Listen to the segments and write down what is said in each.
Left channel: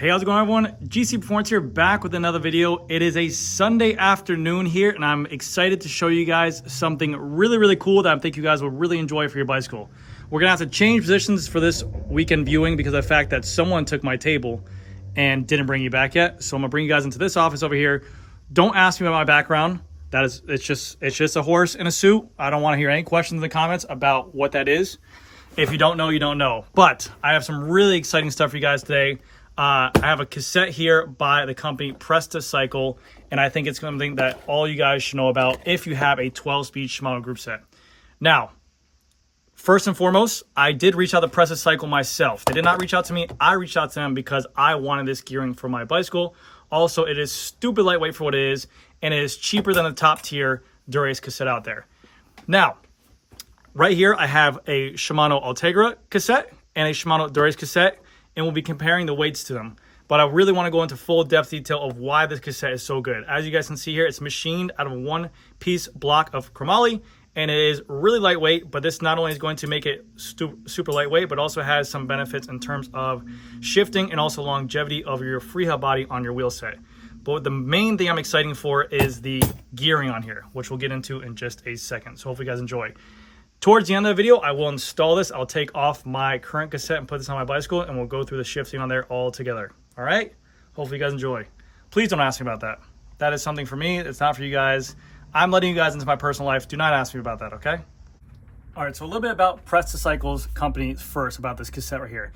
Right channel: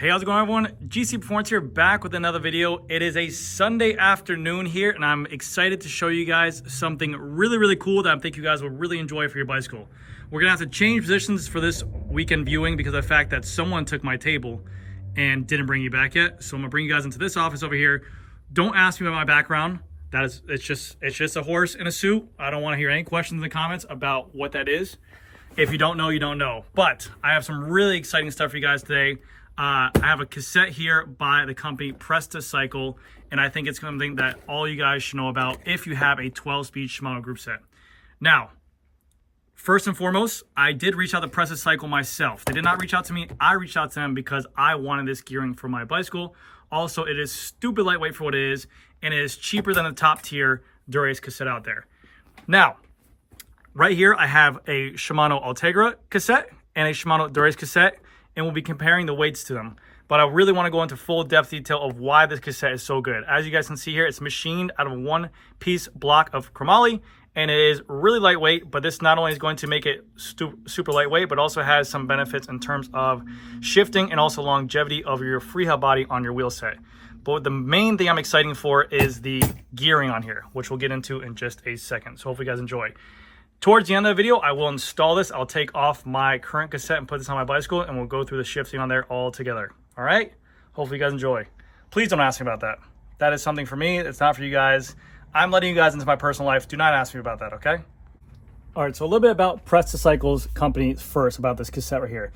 Hey, how's it going, everyone? GC Performance here, back with another video. It is a Sunday afternoon here, and I'm excited to show you guys something really cool that I think you guys will really enjoy for your bicycle. We're gonna have to change positions for this weekend viewing because of the fact that someone took my table and didn't bring you back yet. So I'm gonna bring you guys into this office over here. Don't ask me about my background. It's just a horse in a suit. I don't want to hear any questions in the comments about what that is. If you don't know, you don't know. But I have some really exciting stuff for you guys today. I have a cassette here by the company Presta Cycle, and I think it's something that all you guys should know about if you have a 12-speed Shimano group set. Now, first and foremost, I did reach out to Presta Cycle myself. They did not reach out to me. I reached out to them because I wanted this gearing for my bicycle. Also, it is stupid lightweight for what it is, and it is cheaper than the top tier Dura-Ace cassette out there. Now, right here, I have a Shimano Ultegra cassette and a Shimano Dura-Ace cassette, and we'll be comparing the weights to them. But I really want to go into full depth detail of why this cassette is so good. As you guys can see here, it's machined out of a one-piece block of chromoly, and it is really lightweight, but this not only is going to make it super lightweight, but also has some benefits in terms of shifting and also longevity of your freehub body on your wheel set. But the main thing I'm excited for is the gearing on here, which we'll get into in just a second. So hopefully you guys enjoy. Towards the end of the video, I will install this. I'll take off my current cassette and put this on my bicycle, and we'll go through the shifting on there all together. All right? Hopefully you guys enjoy. Please don't ask me about that. That is something for me. It's not for you guys. I'm letting you guys into my personal life. Do not ask me about that, okay? All right, so a little bit about Presta Cycles company first, about this cassette right here.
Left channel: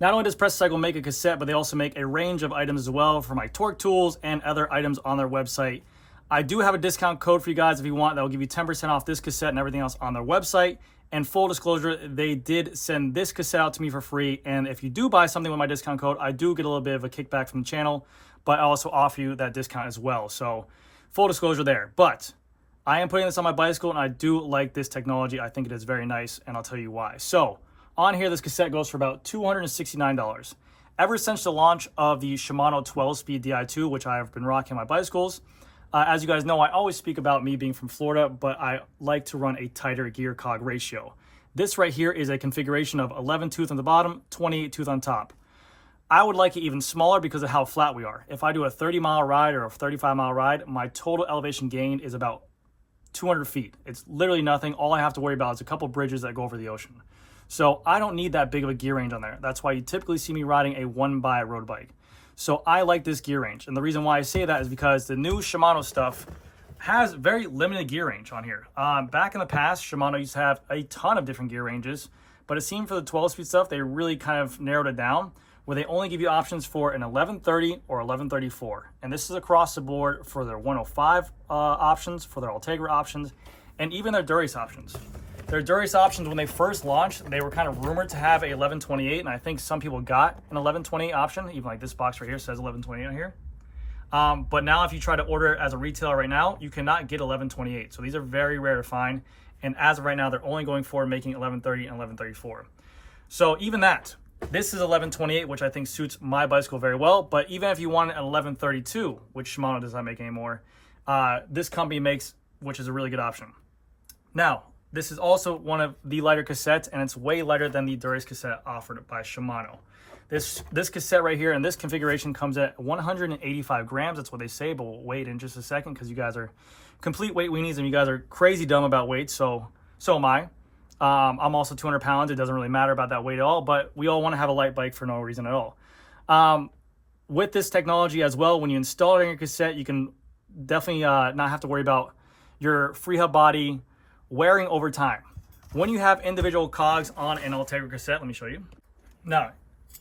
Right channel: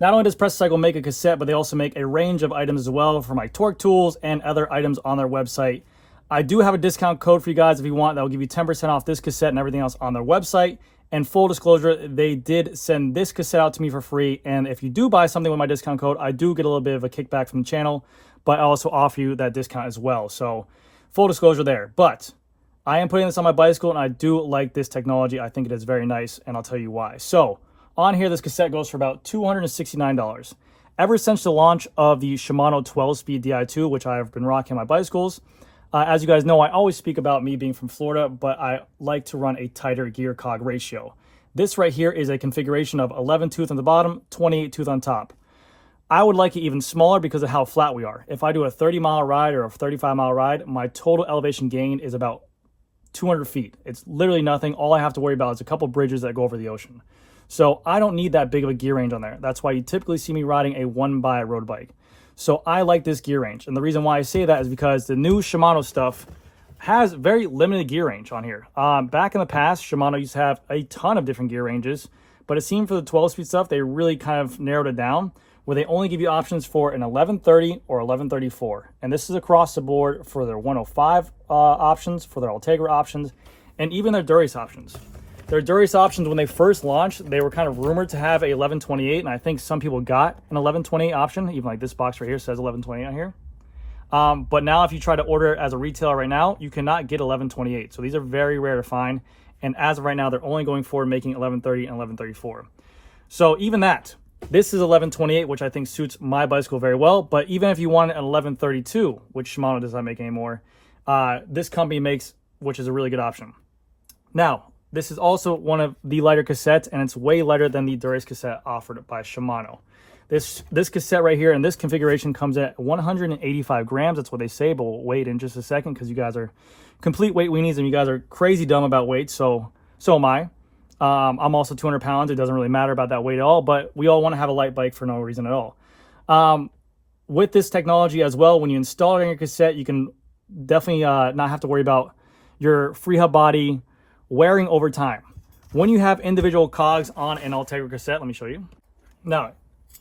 Not only does Presta Cycle make a cassette, but they also make a range of items as well for my torque tools and other items on their website. I do have a discount code for you guys if you want. That will give you 10% off this cassette and everything else on their website. And full disclosure, they did send this cassette out to me for free. And if you do buy something with my discount code, I do get a little bit of a kickback from the channel, but I also offer you that discount as well. So full disclosure there. But I am putting this on my bicycle, and I do like this technology. I think it is very nice, and I'll tell you why. So on here, this cassette goes for about $269. Ever since the launch of the Shimano 12-speed Di2, which I've been rocking on my bicycles, as you guys know, I always speak about me being from Florida, but I like to run a tighter gear cog ratio. This right here is a configuration of 11 tooth on the bottom, 28 tooth on top. I would like it even smaller because of how flat we are. If I do a 30-mile ride or a 35-mile ride, my total elevation gain is about 200 feet. It's literally nothing. All I have to worry about is a couple bridges that go over the ocean. So I don't need that big of a gear range on there. That's why you typically see me riding a one-by road bike. So I like this gear range. And the reason why I say that is because the new Shimano stuff has very limited gear range on here. Back in the past, Shimano used to have a ton of different gear ranges, but it seemed for the 12-speed stuff, they really kind of narrowed it down, where they only give you options for an 1130 or 1134. And this is across the board for their 105 options, for their Ultegra options, and even their Dura-Ace options. Their Dura-Ace options, when they first launched, they were kind of rumored to have a 1128, and I think some people got an 1128 option, even like this box right here says 1128 on here. But now if you try to order it as a retailer right now, you cannot get 1128. So these are very rare to find, and as of right now, they're only going for making 1130 and 1134. So even that, this is 1128, which I think suits my bicycle very well, but even if you want an 1132, which Shimano does not make anymore, this company makes, which is a really good option. Now, this is also one of the lighter cassettes, and it's way lighter than the Dura-Ace cassette offered by Shimano. This cassette right here in this configuration comes at 185 grams. That's what they say, but we'll wait in just a second because you guys are complete weight weenies and you guys are crazy dumb about weight, so am I. I'm also 200 pounds. It doesn't really matter about that weight at all, but we all want to have a light bike for no reason at all. With this technology as well, when you install it in your cassette, you can definitely not have to worry about your freehub body wearing over time. When you have individual cogs on an Ultegra cassette, let me show you. Now,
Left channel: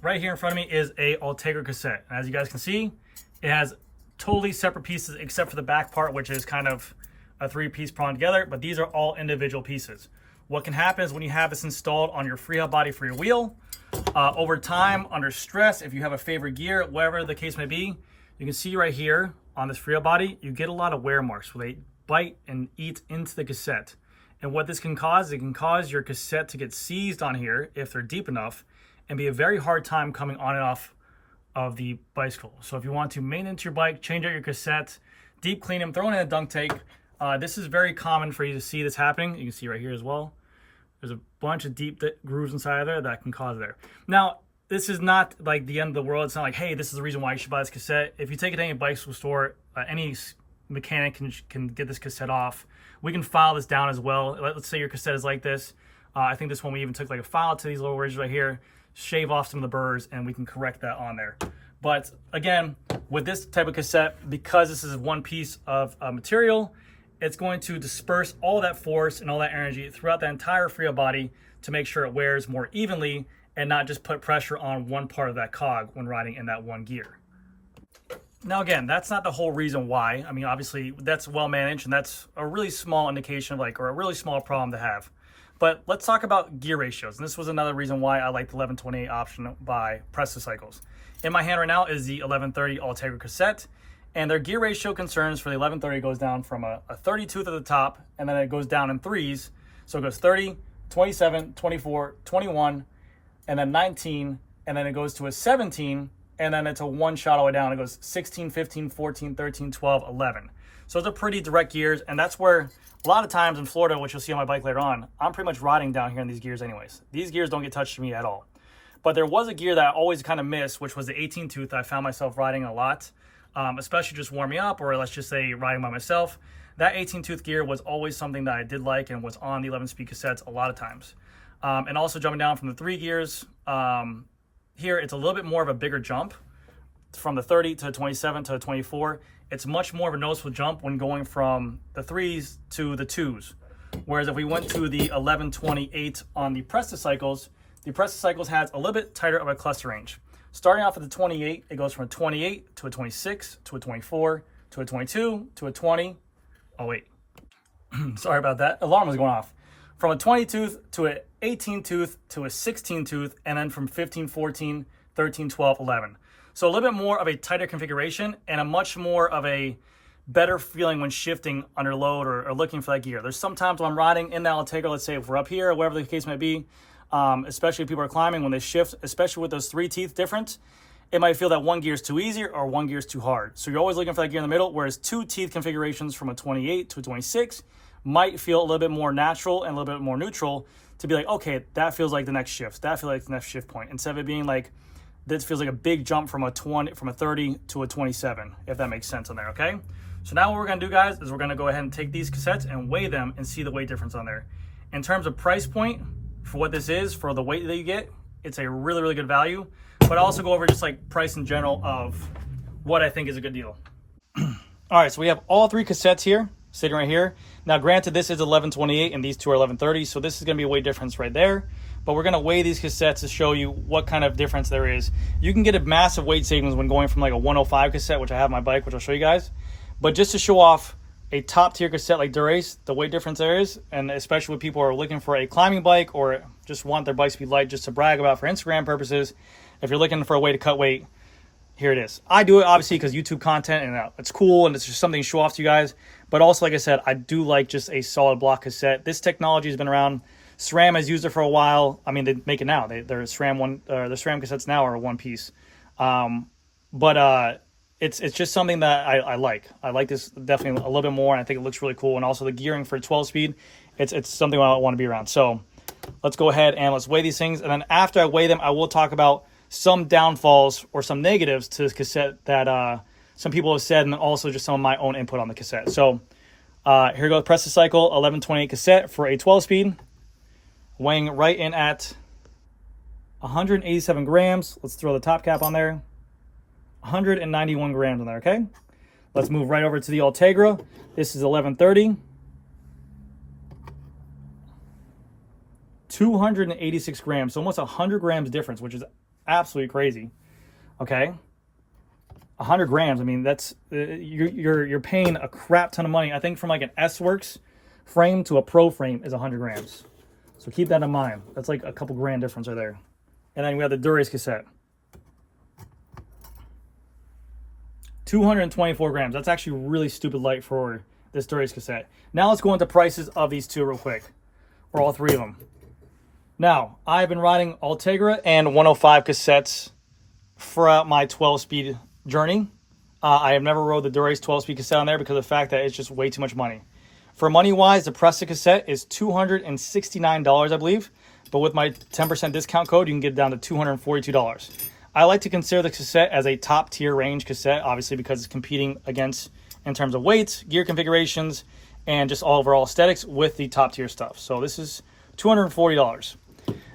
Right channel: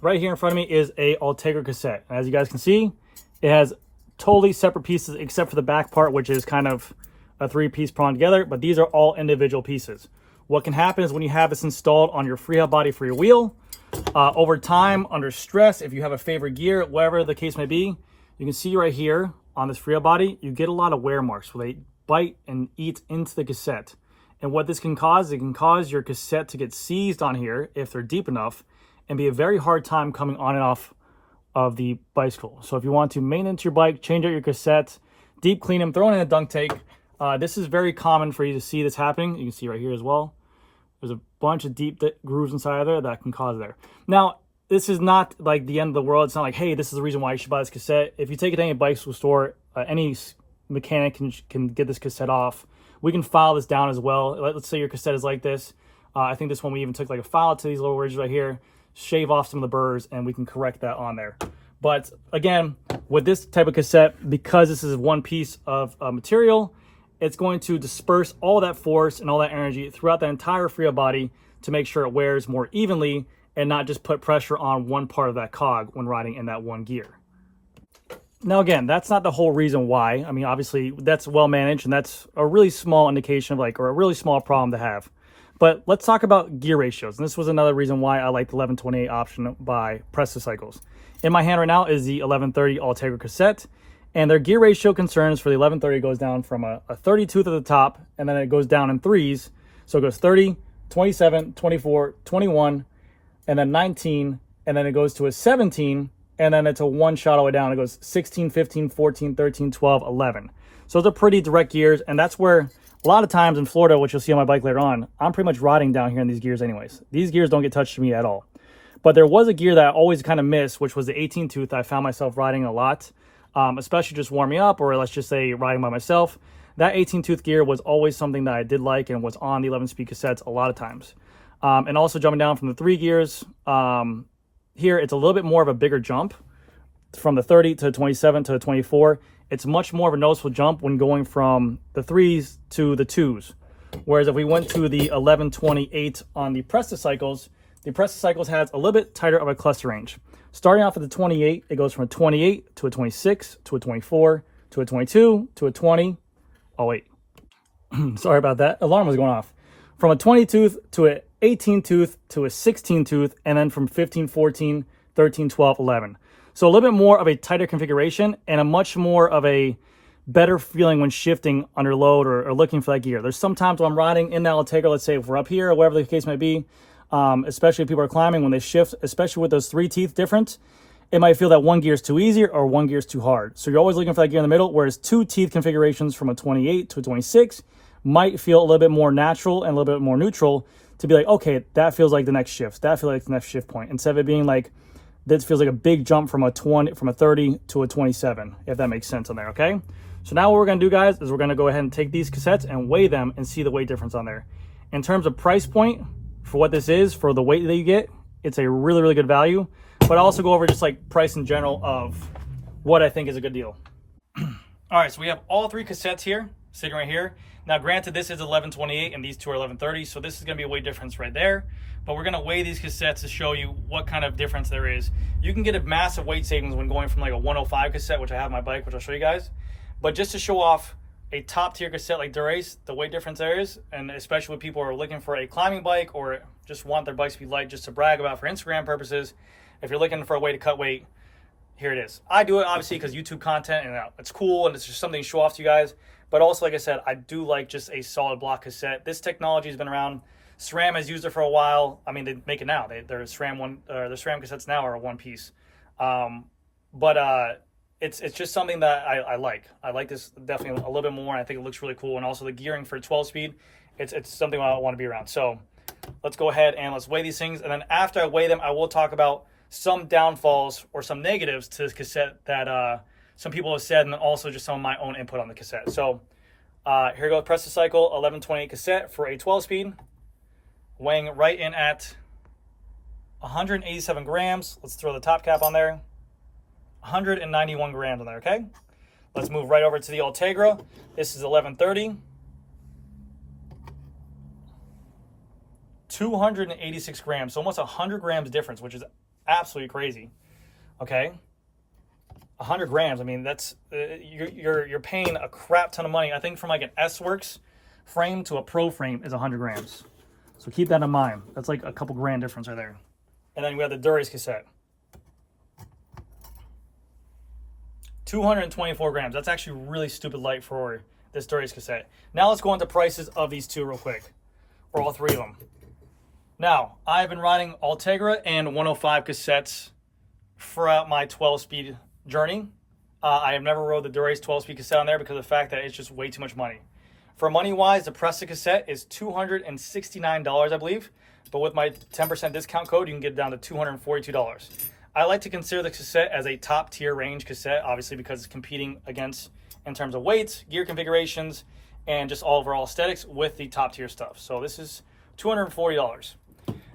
right here in front of me is a Ultegra cassette. As you guys can see, it has totally separate pieces except for the back part, which is kind of a three-piece prong together, but these are all individual pieces. What can happen is when you have this installed on your freehub body for your wheel, over time, under stress, if you have a favorite gear, whatever the case may be, you can see right here on this freehub body, you get a lot of wear marks where they bite and eat into the cassette. And what this can cause, it can cause your cassette to get seized on here if they're deep enough and be a very hard time coming on and off of the bicycle. So if you want to maintenance your bike, change out your cassette, deep clean them, throw it in a dunk tank. This is very common for you to see this happening. You can see right here as well. There's a bunch of deep grooves inside of there that can cause there. Now, this is not like the end of the world. It's not like, hey, this is the reason why you should buy this cassette. If you take it to any bicycle store, any mechanic can get this cassette off. We can file this down as well. Let's say your cassette is like this. I think this one we even took like a file to these little ridges right here, shave off some of the burrs, and we can correct that on there. But again, with this type of cassette, because this is one piece of material, it's going to disperse all that force and all that energy throughout the entire free body to make sure it wears more evenly and not just put pressure on one part of that cog when riding in that one gear. Now again, that's not the whole reason why. I mean, obviously that's well managed and that's a really small indication of like, or a really small problem to have. But let's talk about gear ratios. And this was another reason why I like the 1128 option by Presta Cycles. In my hand right now is the 1130 Ultegra cassette, and their gear ratio concerns for the 1130 goes down from a 30 tooth at the top, and then it goes down in threes. So it goes 30, 27, 24, 21, and then 19, and then it goes to a 17, and then it's a one shot all the way down. It goes 16, 15, 14, 13, 12, 11. So it's a pretty direct gears, and that's where a lot of times in Florida, which you'll see on my bike later on, I'm pretty much riding down here in these gears anyways. These gears don't get touched to me at all. But there was a gear that I always kind of missed, which was the 18 tooth. I found myself riding a lot, especially just warming up, or let's just say riding by myself. That 18 tooth gear was always something that I did like and was on the 11 speed cassettes a lot of times. And also jumping down from the 3 gears, here it's a little bit more of a bigger jump from the 30 to the 27 to the 24. It's much more of a noticeable jump when going from the 3s to the 2s. Whereas if we went to the 1128 on the Presta Cycles, the Presta Cycles has a little bit tighter of a cluster range. Starting off with the 28, it goes from a 28 to a 26 to a 24 to a 22 to a 20. Oh wait, sorry about that. Alarm was going off. From a 20 tooth to an 18 tooth to a 16 tooth, and then from 15, 14, 13, 12, 11. So a little bit more of a tighter configuration and a much more of a better feeling when shifting under load or looking for that gear. There's sometimes when I'm riding in the Ultegra, let's say if we're up here or whatever the case might be, especially if people are climbing, when they shift, especially with those 3 teeth difference, it might feel that one gear is too easy or one gear is too hard. So you're always looking for that gear in the middle, whereas 2 teeth configurations from a 28 to a 26 might feel a little bit more natural and a little bit more neutral to be like, okay, that feels like the next shift. That feels like the next shift point. Instead of it being like, this feels like a big jump from a 30 to a 27, if that makes sense on there, okay? So now what we're gonna do, guys, is we're gonna go ahead and take these cassettes and weigh them and see the weight difference on there. In terms of price point, for what this is, for the weight that you get, it's a really, really good value. But I'll also go over just like price in general of what I think is a good deal. All right, so we have all 3 cassettes here, sitting right here. Now, granted, this is 1128 and these 2 are 1130, so this is gonna be a weight difference right there. But we're gonna weigh these cassettes to show you what kind of difference there is. You can get a massive weight savings when going from like a 105 cassette, which I have on my bike, which I'll show you guys. But just to show off a top tier cassette like Durace, the weight difference there is, and especially when people are looking for a climbing bike or just want their bikes to be light just to brag about for Instagram purposes, if you're looking for a way to cut weight, here it is. I do it obviously because YouTube content and it's cool and it's just something to show off to you guys. But also, like I said, I do like just a solid block cassette. This technology has been around. SRAM has used it for a while. I mean, they make it now. Their SRAM cassettes now are one piece. It's just something that I like. I like this definitely a little bit more, and I think it looks really cool. And also the gearing for 12 speed, it's something I want to be around. So let's go ahead and let's weigh these things. And then after I weigh them, I will talk about some downfalls or some negatives to this cassette that some people have said, and also just some of my own input on the cassette. So here goes Presta Cycle 1128 cassette for a 12 speed. Weighing right in at 187 grams. Let's throw the top cap on there. 191 grams on there, okay? Let's move right over to the Ultegra. This is 1130. 286 grams, so almost 100 grams difference, which is absolutely crazy, okay? 100 grams, I mean, that's, you're paying a crap ton of money. I think from like an S-Works frame to a Pro frame is 100 grams. So keep that in mind. That's like a couple grand difference right there. And then we have the Durace cassette. 224 grams. That's actually really stupid light for this Durace cassette. Now let's go into prices of these two real quick. For all 3 of them. Now, I've been riding Ultegra and 105 cassettes throughout my 12-speed journey. I have never rode the Durace 12-speed cassette on there because of the fact that it's just way too much money. For money-wise, the Presta cassette is $269, I believe. but with my 10% discount code, you can get it down to $242. I like to consider the Cassette as a top tier range cassette, obviously because it's competing against in terms of weights, gear configurations, and just overall aesthetics with the top tier stuff. So this is $240.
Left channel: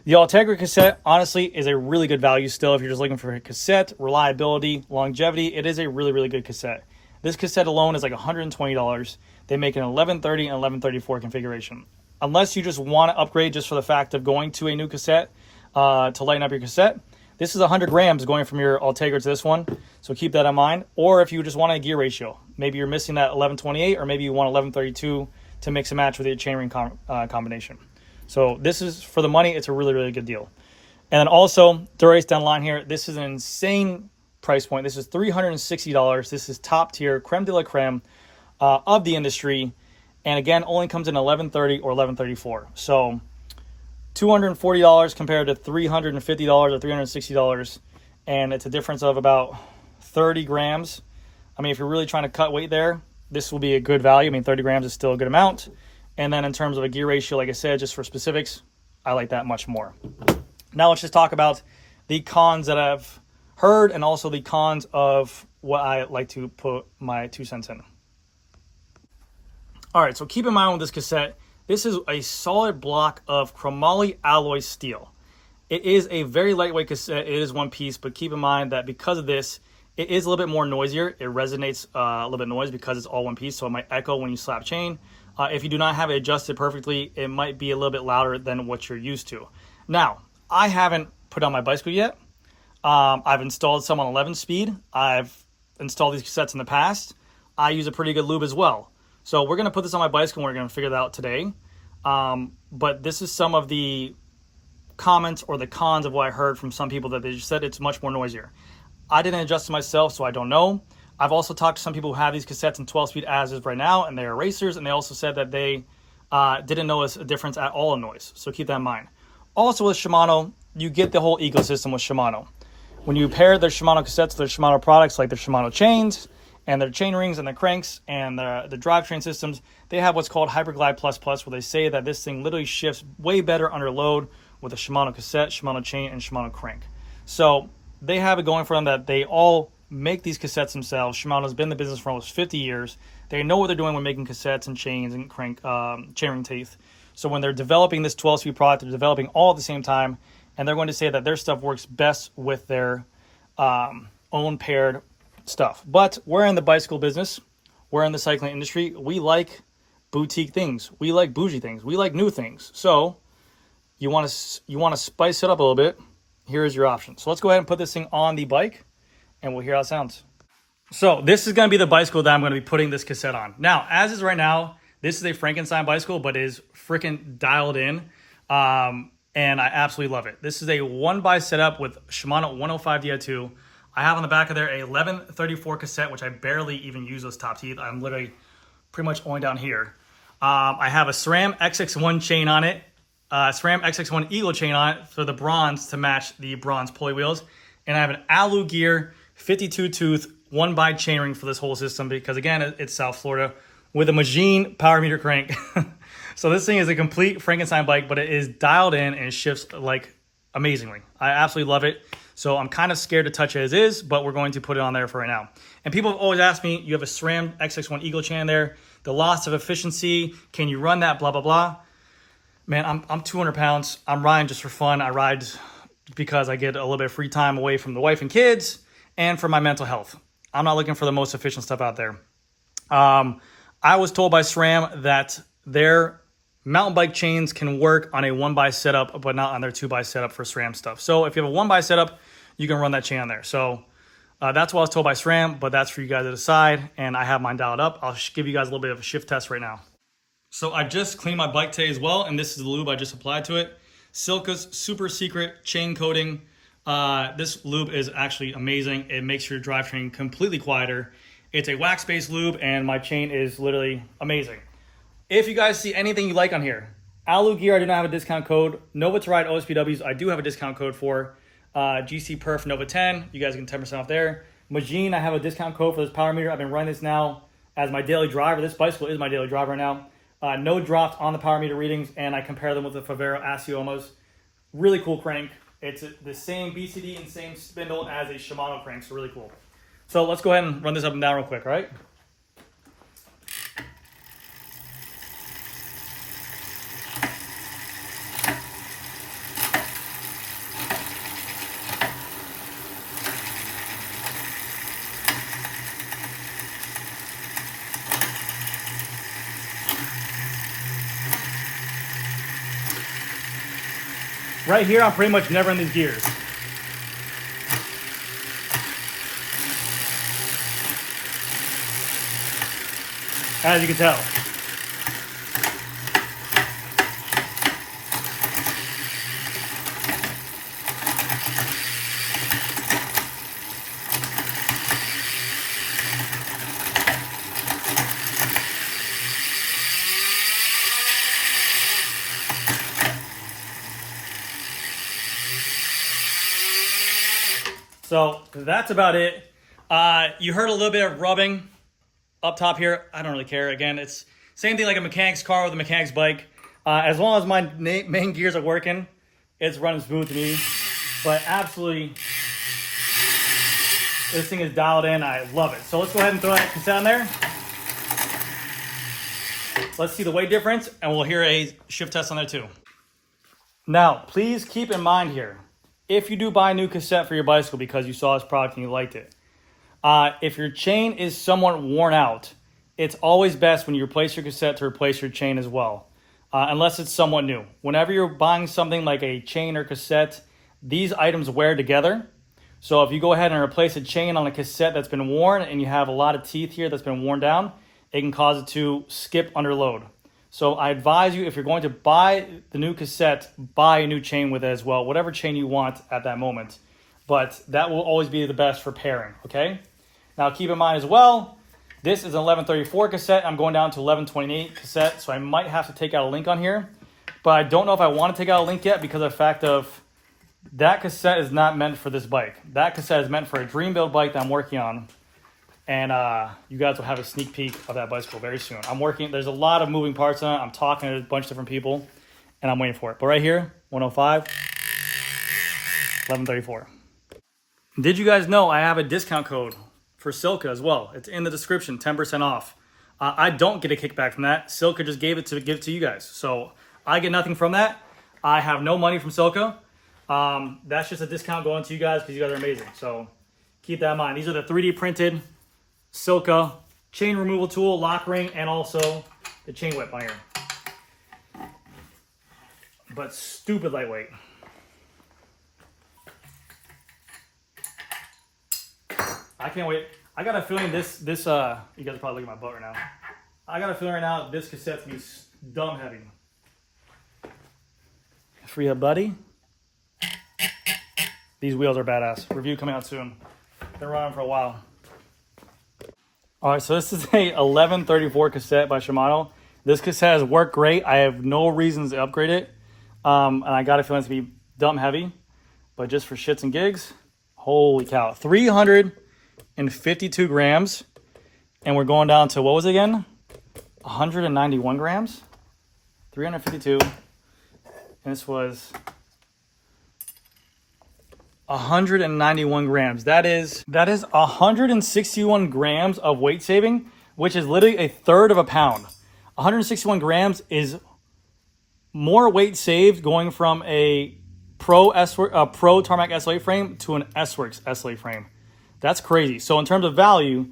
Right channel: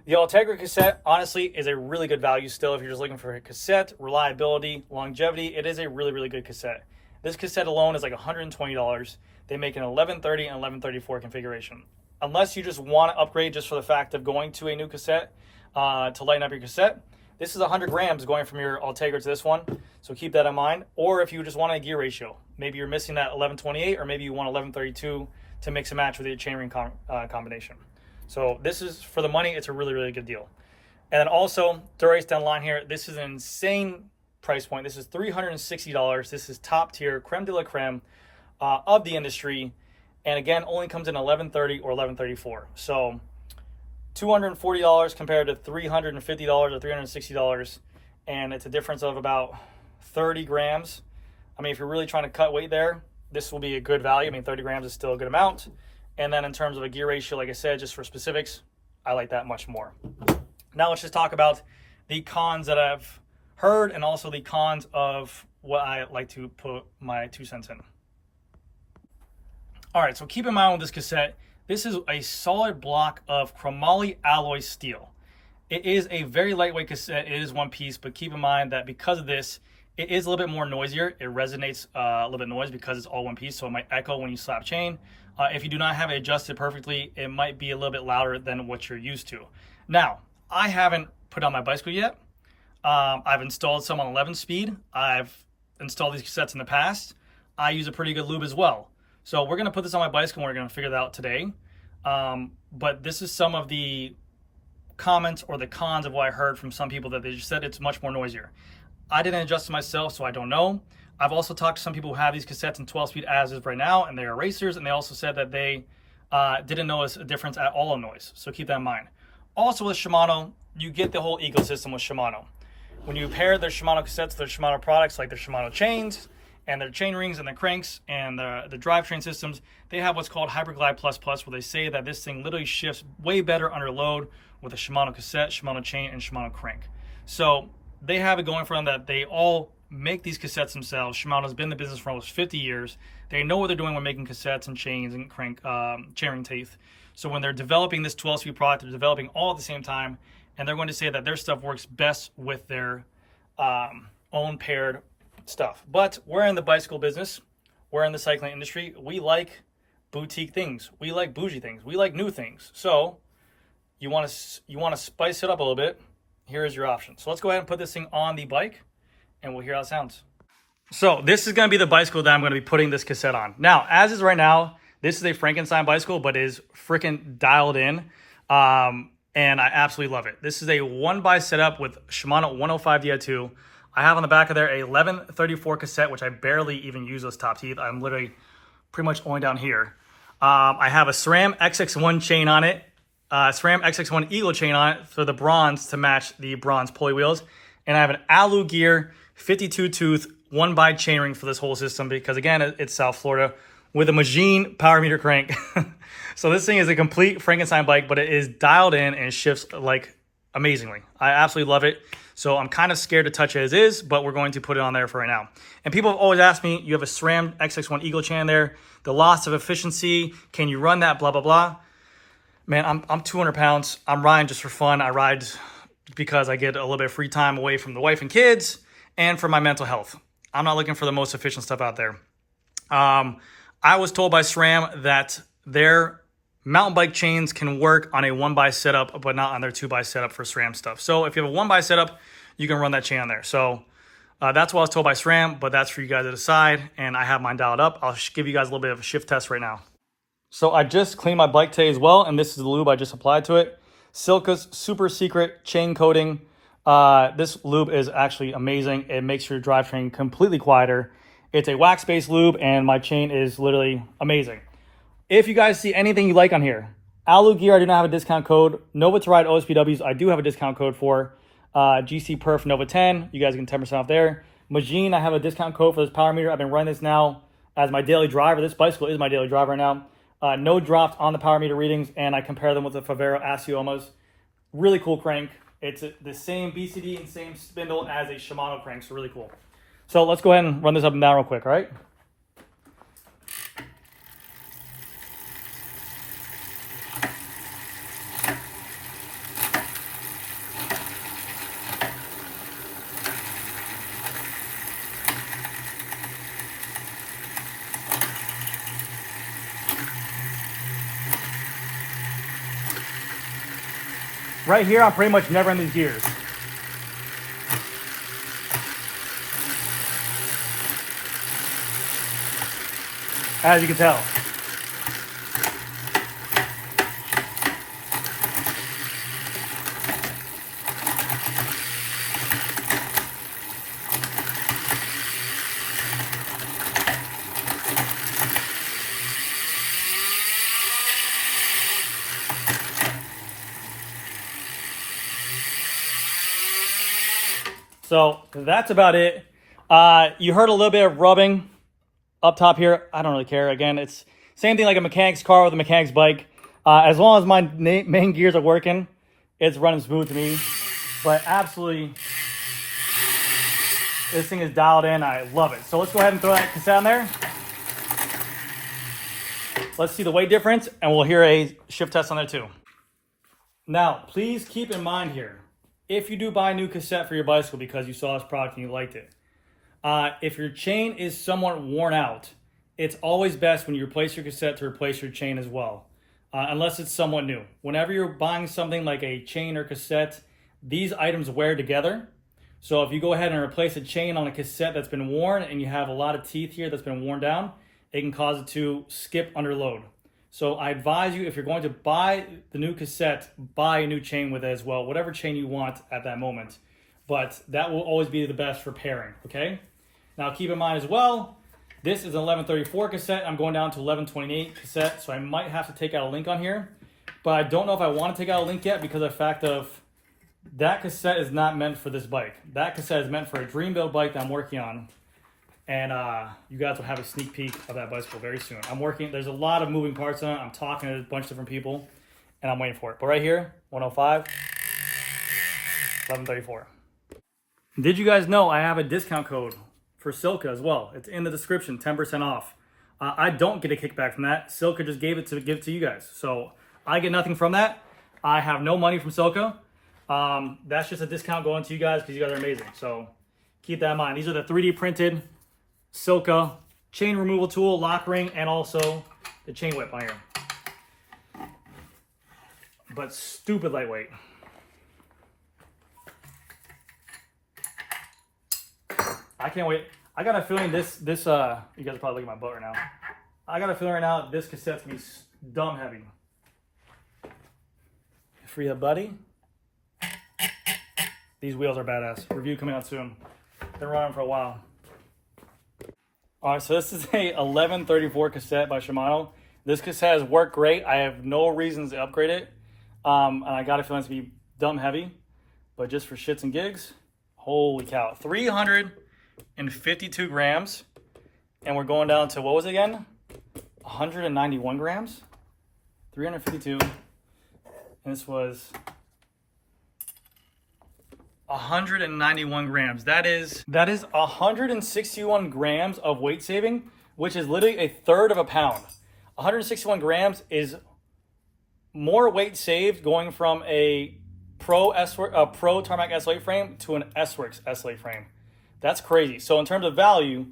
The Ultegra cassette, honestly, is a really good value still. If you're just looking for a cassette, reliability, longevity, it is a really, really good cassette. This cassette alone is like $120. They make an 1130 and 1134 configuration. Unless you just want to upgrade just for the fact of going to a new cassette to lighten up your cassette, this is 100 grams going from your Ultegra to this one, so keep that in mind. Or if you just want a gear ratio, maybe you're missing that 1128, or maybe you want 1132 to mix and match with your chainring combination. So this is, for the money, it's a really, really good deal. And then also, Dura-Ace down the line here, this is an insane price point. This is $360. This is top tier, creme de la creme of the industry. And again, only comes in 1130 or 1134. So $240 compared to $350 or $360, and it's a difference of about 30 grams. I mean, if you're really trying to cut weight there, this will be a good value. I mean, 30 grams is still a good amount. And then in terms of a gear ratio, like I said, just for specifics, I like that much more. Now let's just talk about the cons that I've heard and also the cons of what I like to put my 2 cents in. All right, so keep in mind with this cassette, this is a solid block of chromoly alloy steel. It is a very lightweight cassette. It is one piece, but keep in mind that because of this, it is a little bit more noisier. It resonates a little bit noise because it's all one piece, so it might echo when you slap chain. If you do not have it adjusted perfectly, it might be a little bit louder than what you're used to. Now, I haven't put on my bicycle yet. I've installed some on 11 speed. I've installed these cassettes in the past. I use a pretty good lube as well. So we're gonna put this on my bicycle and we're gonna figure that out today. But this is some of the comments or the cons of what I heard from some people that they just said it's much more noisier. I didn't adjust it myself, so I don't know. I've also talked to some people who have these cassettes in 12-speed as is right now, and they are racers, and they also said that they didn't notice a difference at all in noise. So keep that in mind. Also with Shimano, you get the whole ecosystem with Shimano. When you pair their Shimano cassettes with their Shimano products like their Shimano chains and their chain rings and their cranks and the drivetrain systems, they have what's called Hyperglide Plus Plus, where they say that this thing literally shifts way better under load with a Shimano cassette, Shimano chain, and Shimano crank. So they have it going for them that they all make these cassettes themselves. Shimano's been in the business for almost 50 years. They know what they're doing when making cassettes and chains and crank chainring teeth. So when they're developing this 12-speed product, they're developing all at the same time, and they're going to say that their stuff works best with their own paired stuff. But we're in the bicycle business. We're in the cycling industry. We like boutique things. We like bougie things. We like new things. So you want to spice it up a little bit. Here's your option. So let's go ahead and put this thing on the bike, and we'll hear how it sounds. So this is going to be the bicycle that I'm going to be putting this cassette on. Now, as is right now, this is a Frankenstein bicycle, but it is freaking dialed in, and I absolutely love it. This is a 1x setup with Shimano 105 Di2. I have on the back of there a 1134 cassette, which I barely even use those top teeth. I'm literally pretty much only down here. I have a SRAM XX1 chain on it, SRAM XX1 Eagle chain on it for the bronze to match the bronze pulley wheels. And I have an Alu Gear 52 tooth 1x chainring for this whole system because, again, it's South Florida with a Magine power meter crank. So this thing is a complete Frankenstein bike, but it is dialed in and shifts like amazingly. I absolutely love it. So I'm kind of scared to touch it as is, but we're going to put it on there for right now. And people have always asked me, you have a SRAM XX1 Eagle chain there, the loss of efficiency, can you run that, blah, blah, blah. Man, I'm 200 pounds. I'm riding just for fun. I ride because I get a little bit of free time away from the wife and kids and for my mental health. I'm not looking for the most efficient stuff out there. I was told by SRAM that their mountain bike chains can work on a 1x setup, but not on their 2x setup for SRAM stuff. So if you have a 1x setup, you can run that chain on there. So that's what I was told by SRAM, but that's for you guys to decide. And I have mine dialed up. I'll give you guys a little bit of a shift test right now. So I just cleaned my bike today as well, and this is the lube I just applied to it. Silca's super secret chain coating. This lube is actually amazing. It makes your drivetrain completely quieter. It's a wax-based lube, and my chain is literally amazing. If you guys see anything you like on here, Alu Gear, I do not have a discount code. Nova to Ride OSPWs, I do have a discount code for. GC Perf Nova 10, you guys get 10% off there. Magine, I have a discount code for this power meter. I've been running this now as my daily driver. This bicycle is my daily driver now. No drops on the power meter readings, and I compare them with the Favero Asiomas. Really cool crank. It's the same BCD and same spindle as a Shimano crank, so really cool. So let's go ahead and run this up and down real quick, all right? Right here, I'm pretty much never in these gears. As you can tell. So that's about it. You heard a little bit of rubbing up top here. I don't really care. Again, it's same thing like a mechanic's car with a mechanic's bike. As long as my main gears are working, it's running smooth to me. But absolutely, this thing is dialed in. I love it. So let's go ahead and throw that cassette on there. Let's see the weight difference, and we'll hear a shift test on there too. Now, please keep in mind here, if you do buy a new cassette for your bicycle because you saw this product and you liked it, if your chain is somewhat worn out, it's always best when you replace your cassette to replace your chain as well, unless it's somewhat new. Whenever you're buying something like a chain or cassette, these items wear together. So if you go ahead and replace a chain on a cassette that's been worn and you have a lot of teeth here that's been worn down, it can cause it to skip under load. So I advise you, if you're going to buy the new cassette, buy a new chain with it as well, whatever chain you want at that moment. But that will always be the best for pairing, okay? Now keep in mind as well, this is an 1134 cassette. I'm going down to 1128 cassette, so I might have to take out a link on here. But I don't know if I want to take out a link yet because of the fact of that cassette is not meant for this bike. That cassette is meant for a dream build bike that I'm working on. And you guys will have a sneak peek of that bicycle very soon. I'm working, there's a lot of moving parts on it. I'm talking to a bunch of different people, and I'm waiting for it. But right here, 105, 1134. Did you guys know I have a discount code for Silca as well? It's in the description, 10% off. I don't get a kickback from that. Silca just give it to you guys. So I get nothing from that. I have no money from Silca. That's just a discount going to you guys because you guys are amazing. So keep that in mind. These are the 3D printed Silca chain removal tool, lock ring, and also the chain whip on here. But stupid lightweight. I can't wait. I got a feeling this you guys are probably looking at my butt right now. I got a feeling right now this cassette's gonna be dumb heavy. Free up, buddy. These wheels are badass. Review coming out soon. Been running for a while. All right, so this is a 1134 cassette by Shimano. This cassette has worked great. I have no reasons to upgrade it. And I got a feeling it's gonna be dumb heavy, but just for shits and gigs, holy cow. 352 grams, and we're going down to, what was it again? 191 grams? 352, and this was 191 grams. That is 161 grams of weight saving, which is literally a third of a pound. 161 grams is more weight saved going from a Pro Tarmac SLA frame to an S-Works SLA frame. That's crazy. So in terms of value,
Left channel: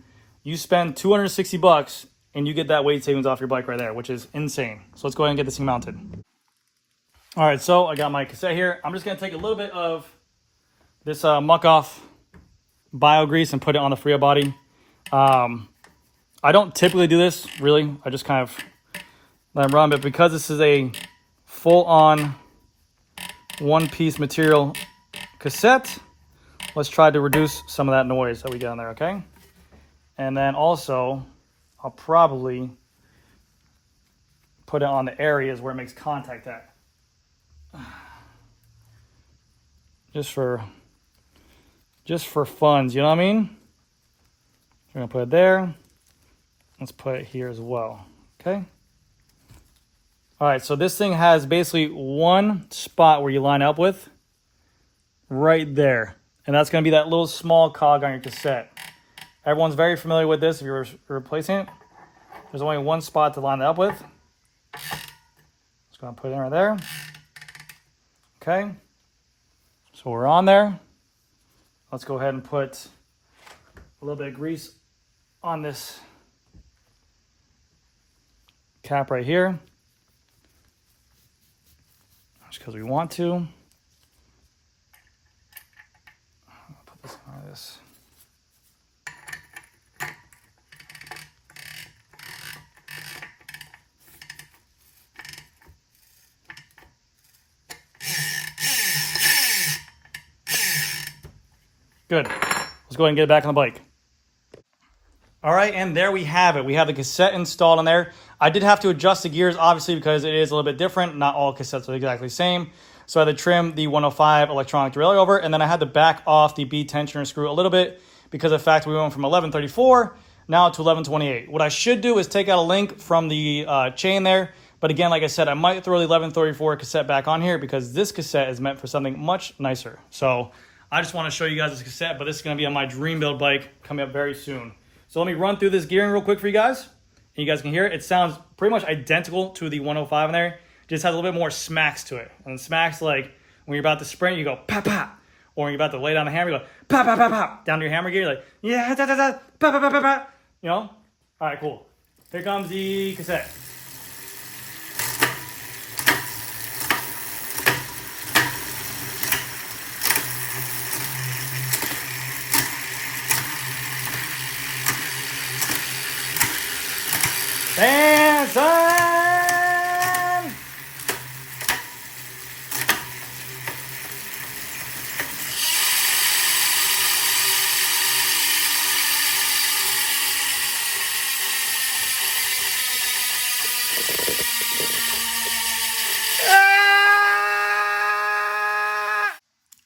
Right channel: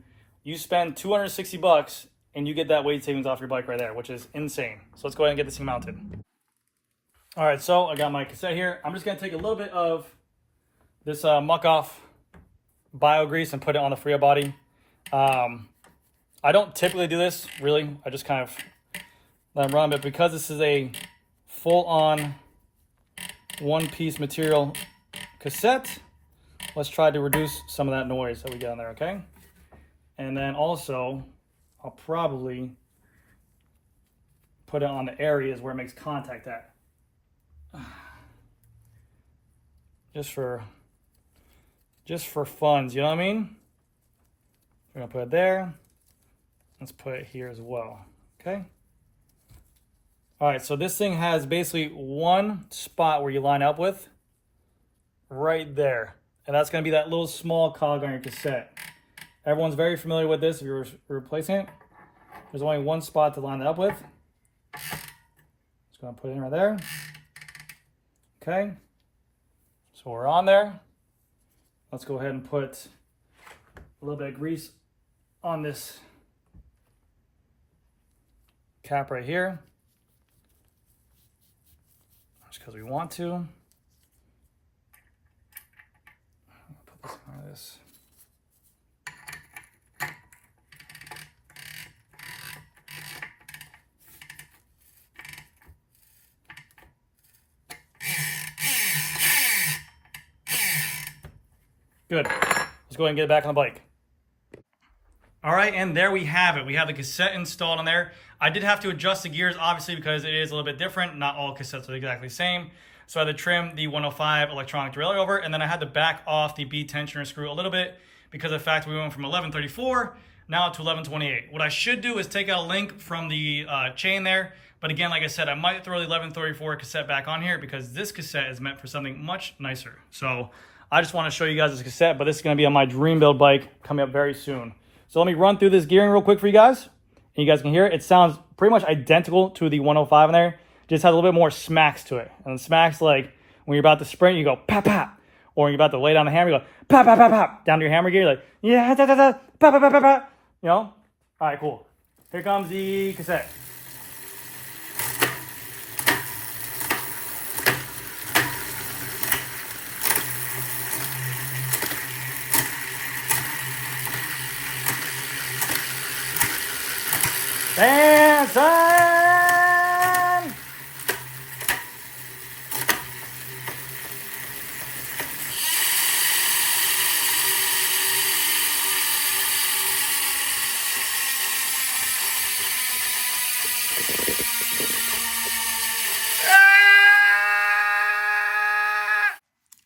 you spend 260 bucks and you get that weight savings off your bike right there, which is insane. So let's go ahead and get this thing mounted. All right, so I got my cassette here. I'm just gonna take a little bit of this muck off bio grease and put it on the Freya body. I don't typically do this, really. I just kind of let them run, but because this is a full-on one-piece material cassette, let's try to reduce some of that noise that we get on there, okay? And then also, I'll probably put it on the areas where it makes contact at. Just for funds, you know what I mean? We're gonna put it there. Let's put it here as well, okay? All right, so this thing has basically one spot where you line up with, right there. And that's gonna be that little small cog on your cassette. Everyone's very familiar with this if you're replacing it. There's only one spot to line it up with. Just gonna put it in right there. Okay, so we're on there. Let's go ahead and put a little bit of grease on this cap right here. Just because we want to. I'll put this on this. Good. Let's go ahead and get it back on the bike. All right, and there we have it. We have the cassette installed on there. I did have to adjust the gears, obviously, because it is a little bit different. Not all cassettes are exactly the same. So I had to trim the 105 electronic derailleur over, and then I had to back off the B tensioner screw a little bit because of the fact we went from 1134 now to 1128. What I should do is take out a link from the chain there. But again, like I said, I might throw the 1134 cassette back on here because this cassette is meant for something much nicer. So I just want to show you guys this cassette, but this is going to be on my dream build bike coming up very soon. So let me run through this gearing real quick for you guys. And you guys can hear it. It sounds pretty much identical to the 105 in there. Just has a little bit more smacks to it. And smacks like when you're about to sprint, you go pop, pop. Or when you're about to lay down the hammer, you go pop, pop, pop, pop. Down to your hammer gear, you're like, yeah, da, da, da, pop, pop, pop, pop, pop. You know? All right, cool. Here comes the cassette. Bam, son!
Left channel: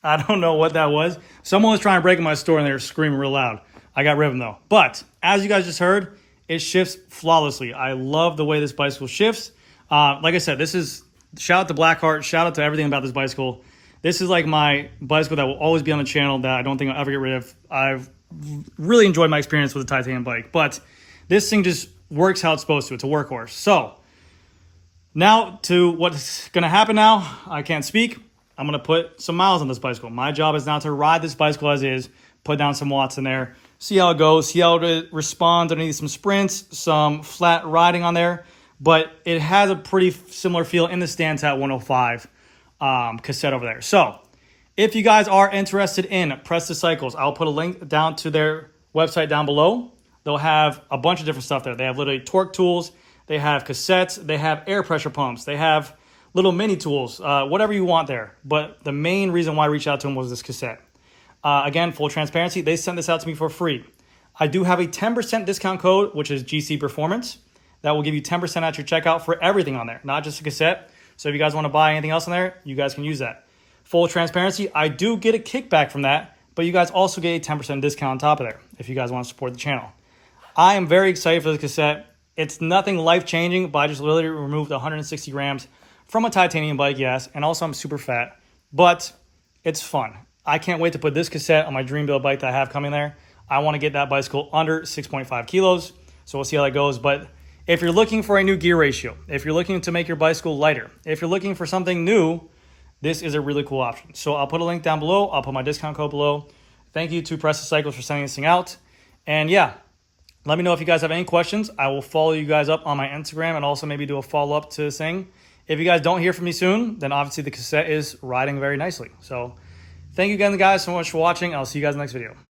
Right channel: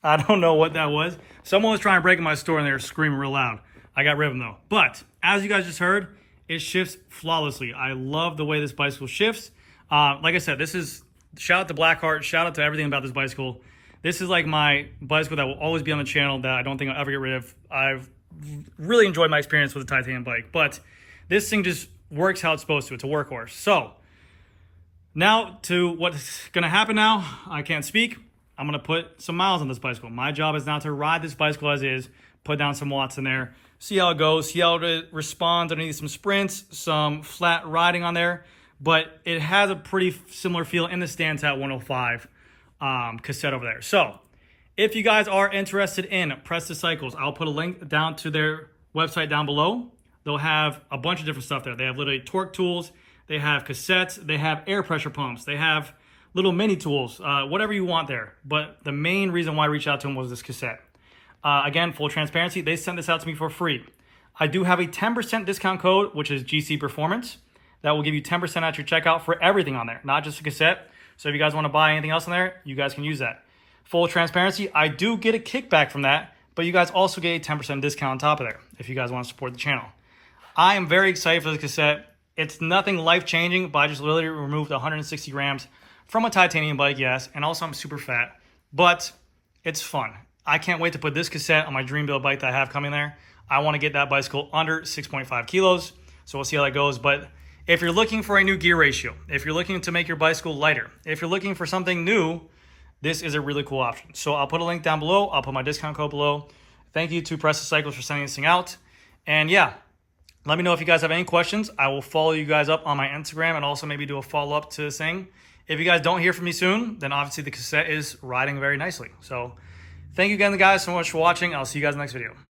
I don't know what that was. Someone was trying to break in my store and they were screaming real loud. I got rid of them though. But as you guys just heard, it shifts flawlessly. I love the way this bicycle shifts. Like I said, this is, shout out to Blackheart, shout out to everything about this bicycle. This is like my bicycle that will always be on the channel that I don't think I'll ever get rid of. I've really enjoyed my experience with the titanium bike, but this thing just works how it's supposed to. It's a workhorse. So now to what's gonna happen now, I can't speak. I'm gonna put some miles on this bicycle. My job is now to ride this bicycle as is, put down some watts in there, see how it goes, see how it responds underneath some sprints, some flat riding on there. But it has a pretty similar feel in the stance at 105 cassette over there. So if you guys are interested in Presta Cycles, I'll put a link down to their website down below. They'll have a bunch of different stuff there. They have literally torque tools, they have cassettes, they have air pressure pumps, they have little mini tools, whatever you want there. But the main reason why I reached out to them was this cassette. Again, full transparency, they sent this out to me for free. I do have a 10% discount code, which is GC Performance. That will give you 10% at your checkout for everything on there, not just a cassette. So if you guys want to buy anything else on there, you guys can use that. Full transparency, I do get a kickback from that, but you guys also get a 10% discount on top of there if you guys want to support the channel. I am very excited for this cassette. It's nothing life-changing, but I just literally removed 160 grams from a titanium bike, yes, and also I'm super fat, but it's fun. I can't wait to put this cassette on my dream build bike that I have coming there. I want to get that bicycle under 6.5 kilos, so we'll see how that goes. But if you're looking for a new gear ratio, if you're looking to make your bicycle lighter, if you're looking for something new, this is a really cool option. So I'll put a link down below. I'll put my discount code below. Thank you to Presta Cycles for sending this thing out. And yeah, let me know if you guys have any questions. I will follow you guys up on my Instagram and also maybe do a follow-up to this thing. If you guys don't hear from me soon, then obviously the cassette is riding very nicely. So thank you again, guys, so much for watching. I'll see you guys in the next video.